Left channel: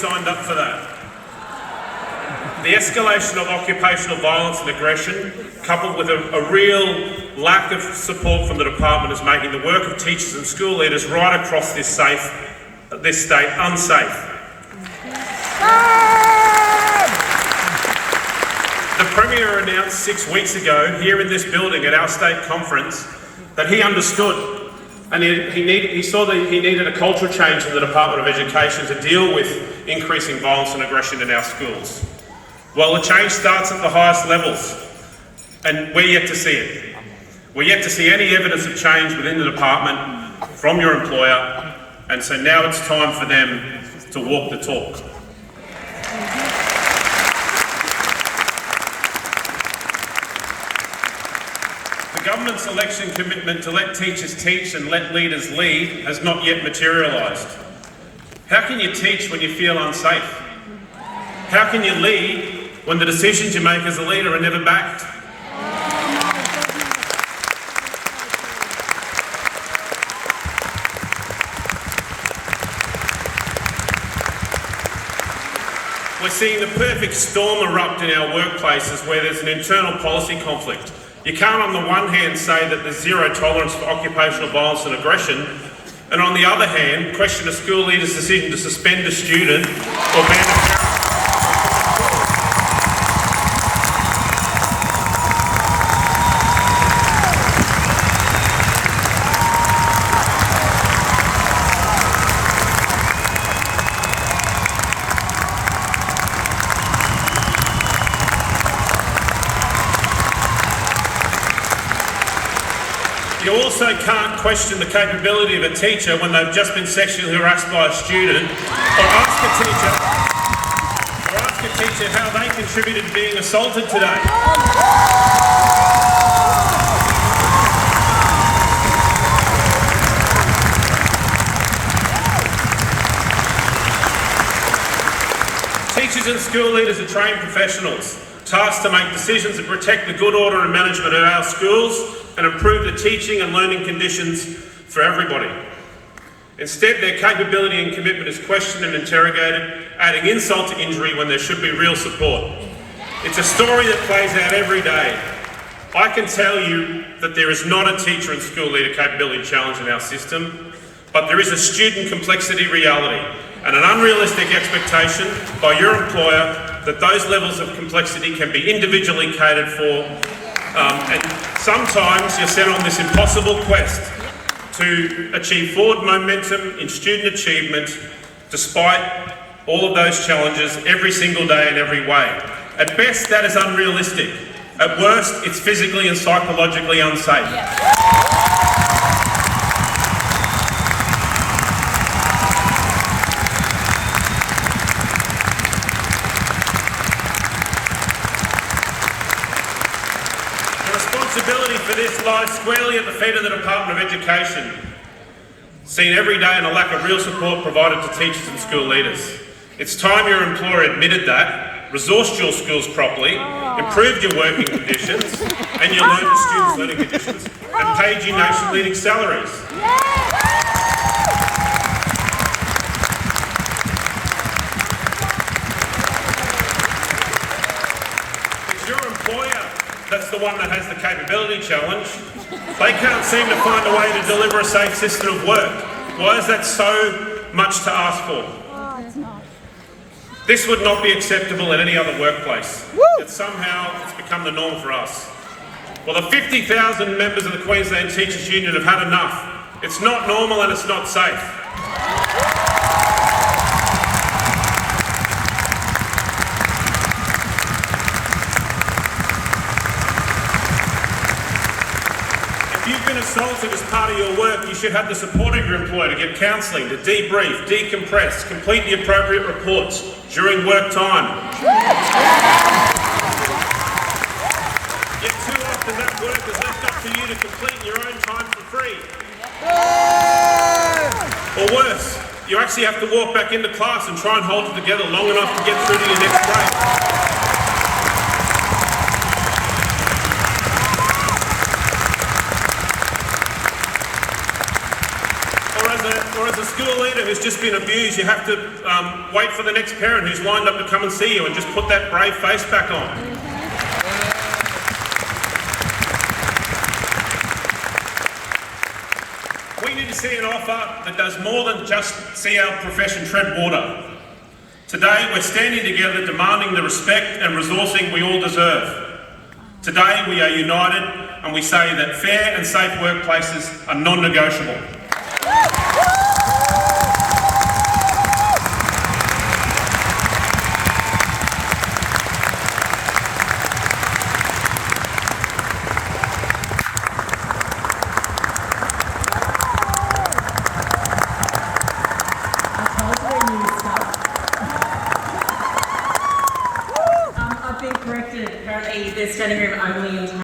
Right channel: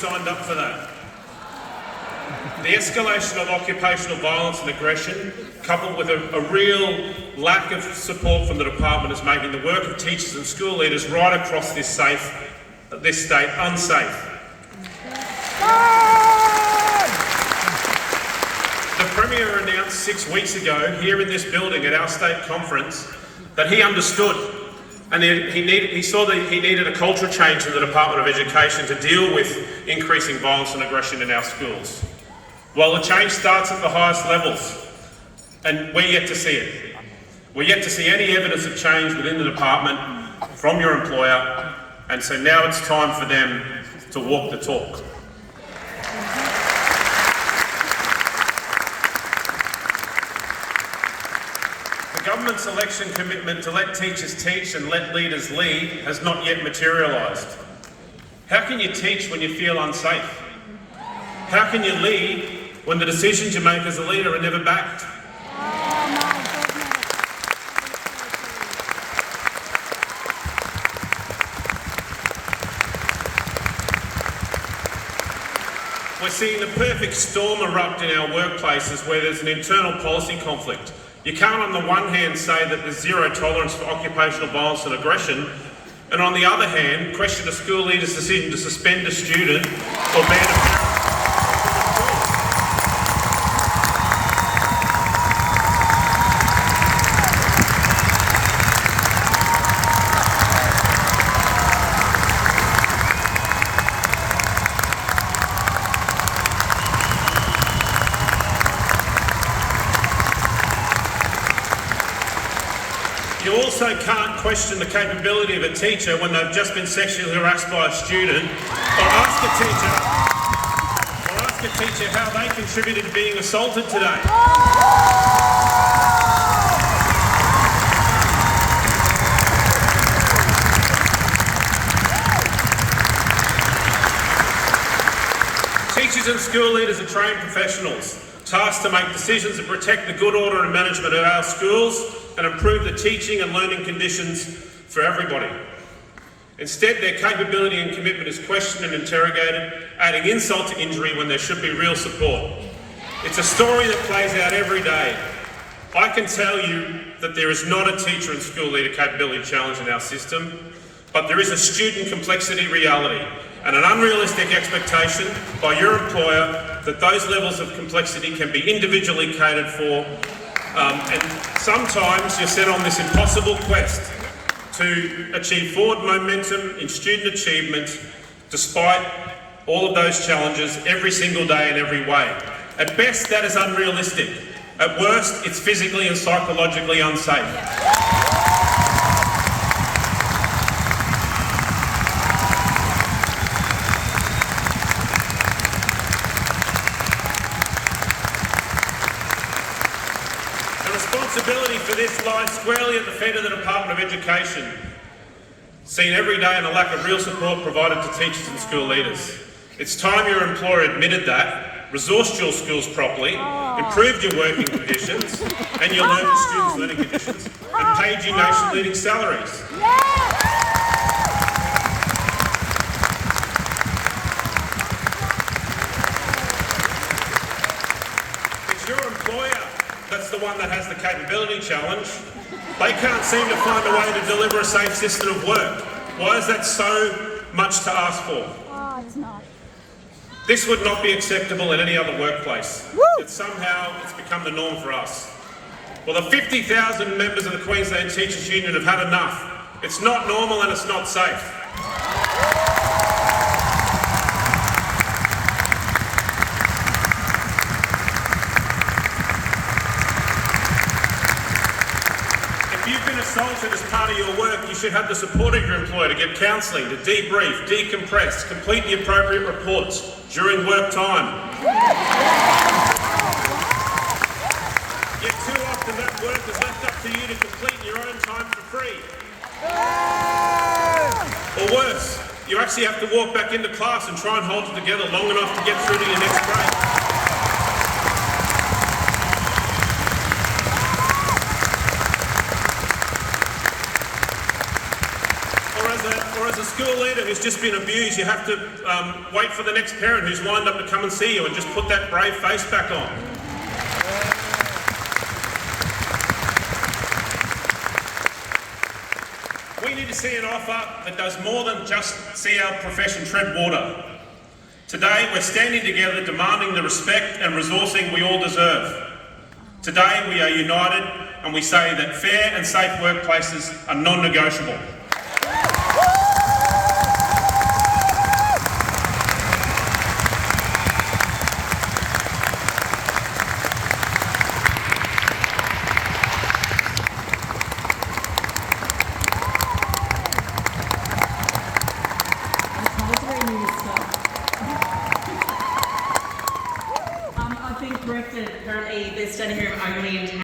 signed up for that. The escalation of occupational violence and aggression, coupled with a real lack of support from the department, is making the work of teachers and school leaders right across this state unsafe. The Premier announced 6 weeks ago here in this building at our state conference that he understood and he saw that he needed a cultural change in the Department of Education to deal with increasing violence and aggression in our schools. Well, the change starts at the highest levels, and we're yet to see it. We're yet to see any evidence of change within the department from your employer, and so now it's time for them to walk the talk. The government's election commitment to let teachers teach and let leaders lead has not yet materialised. How can you teach when you feel unsafe? How can you lead when the decisions you make as a leader are never backed? We're seeing the perfect storm erupt in our workplaces where there's an internal policy conflict. You can't on the one hand say that there's zero tolerance for occupational violence and aggression, and on the other hand, question a school leader's decision to suspend a student or ban a parent. You also can't question the capability of a teacher when they've just been sexually harassed by a student, or ask a teacher how they contributed to being assaulted today. Teachers and school leaders are trained professionals, tasked to make decisions that protect the good order and management of our schools and improve the teaching and learning conditions for everybody. Instead, their capability and commitment is questioned and interrogated, adding insult to injury when there should be real support. It's a story that plays out every day. I can tell you that there is not a teacher and school leader capability challenge in our system, but there is a student complexity reality and an unrealistic expectation by your employer that those levels of complexity can be individually catered for, and sometimes you're set on this impossible quest to achieve forward momentum in student achievement despite all of those challenges every single day in every way. At best, that is unrealistic. At worst, it's physically and psychologically unsafe. The responsibility for this lies squarely at the feet of the Department of Education, seen every day in a lack of real support provided to teachers and school leaders. It's time your employer admitted that, resourced your schools properly, improved your working conditions and your students' learning conditions, and paid you nation-leading salaries. It's your employer that's the one that has the capability challenge. They can't seem to find a way to deliver a safe system of work. Why is that so much to ask for? It's not. This would not be acceptable in any other workplace. Yet somehow it's become the norm for us. Well, the 50,000 members of the Queensland Teachers Union have had enough. It's not normal and it's not safe. If you've been assaulted as part of your work, you should have the support of your employer to get counselling, to debrief, decompress, complete the appropriate reports during work time. Yet too often that work is left up to you to complete in your own time for free. Or worse, you actually have to walk back into class and try and hold it together long enough to get through to your next break. Or as a school leader who's just been abused, you have to wait for the next parent who's lined up to come and see you and just put that brave face back on. We need to see an offer that does more than just see our profession tread water. Today, we're standing together demanding the respect and resourcing we all deserve. Today, we are united and we say that fair and safe workplaces are non-negotiable. I've been corrected. Apparently, there's standing room only in